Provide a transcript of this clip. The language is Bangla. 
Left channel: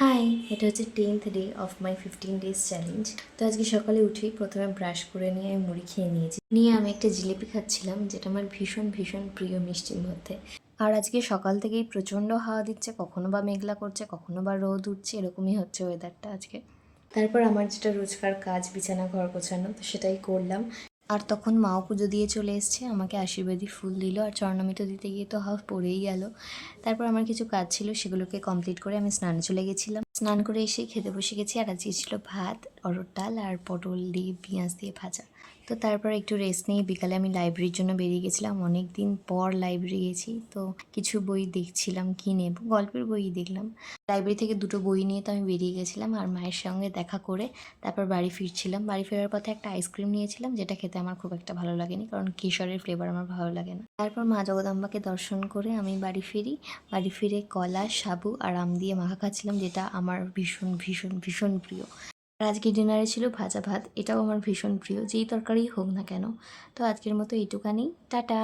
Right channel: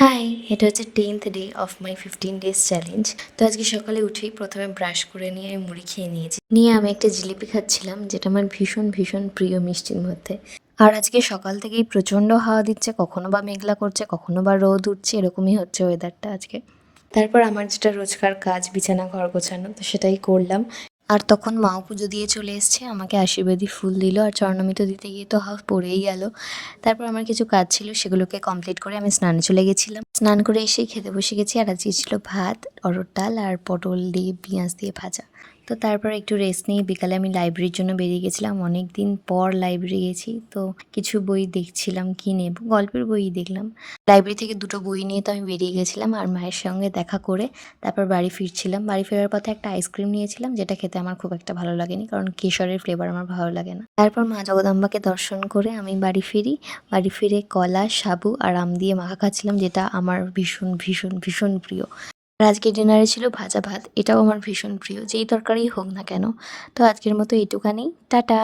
হাই, এটা হচ্ছে 10th day of my 15 days challenge. তো আজকে সকালে উঠেই প্রথমে ব্রাশ করে নিয়ে আমি মুড়ি খেয়ে নিয়েছি। নিয়ে আমি একটা জিলিপি খাচ্ছিলাম, যেটা আমার ভীষণ ভীষণ প্রিয় মিষ্টির মধ্যে। আর আজকে সকাল থেকেই প্রচণ্ড হাওয়া দিচ্ছে, কখনো বা মেঘলা করছে, কখনো বা রোদ উঠছে, এরকমই হচ্ছে ওয়েদারটা আজকে। তারপর আমার যেটা রোজকার কাজ, বিছানা ঘর গোছানো, তো সেটাই করলাম। আর তখন মাও পুজো দিয়ে চলে এসছে, আমাকে আশীর্বাদী ফুল দিল, আর চরণমিত দিতে গিয়ে তো হাফ পড়েই গেল। তারপর আমার কিছু কাজ ছিল, সেগুলোকে কমপ্লিট করে আমি স্নানে চলে গেছিলাম। স্নান করে এসেই খেতে বসে গেছি, আর আজকে ছিল ভাত, অরহর ডাল আর পটল দিয়ে পেঁয়াজ দিয়ে ভাজা। তো তারপর একটু রেস্ট নিয়ে বিকালে আমি লাইব্রেরির জন্য বেরিয়ে গেছিলাম। অনেক দিন পর লাইব্রেরি গেছি, তো কিছু বই দেখছিলাম কি নেব, গল্পের বইই দেখলাম। লাইব্রেরি থেকে দুটো বই নিয়ে তো আমি বেরিয়ে গেছিলাম, আর মায়ের সঙ্গে দেখা করে তারপর বাড়ি ফিরছিলাম। বাড়ি ফেরার পথে একটা আইসক্রিম নিয়েছিলাম, যেটা খেতে আমার খুব একটা ভালো লাগেনি, কারণ কেশরের ফ্লেভার আমার ভালো লাগে না। তারপর মা জগদম্বাকে দর্শন করে আমি বাড়ি ফিরি। বাড়ি ফিরে কলা, সাবু আর আম দিয়ে মাখা খাচ্ছিলাম, যেটা আমার ভীষণ ভীষণ ভীষণ প্রিয়। আর আজকে ডিনারে ছিল ভাজা ভাত, এটাও আমার ভীষণ প্রিয়, যেই তরকারিই হোক না কেন। তো আজকের মতো এইটুখানি, টাটা।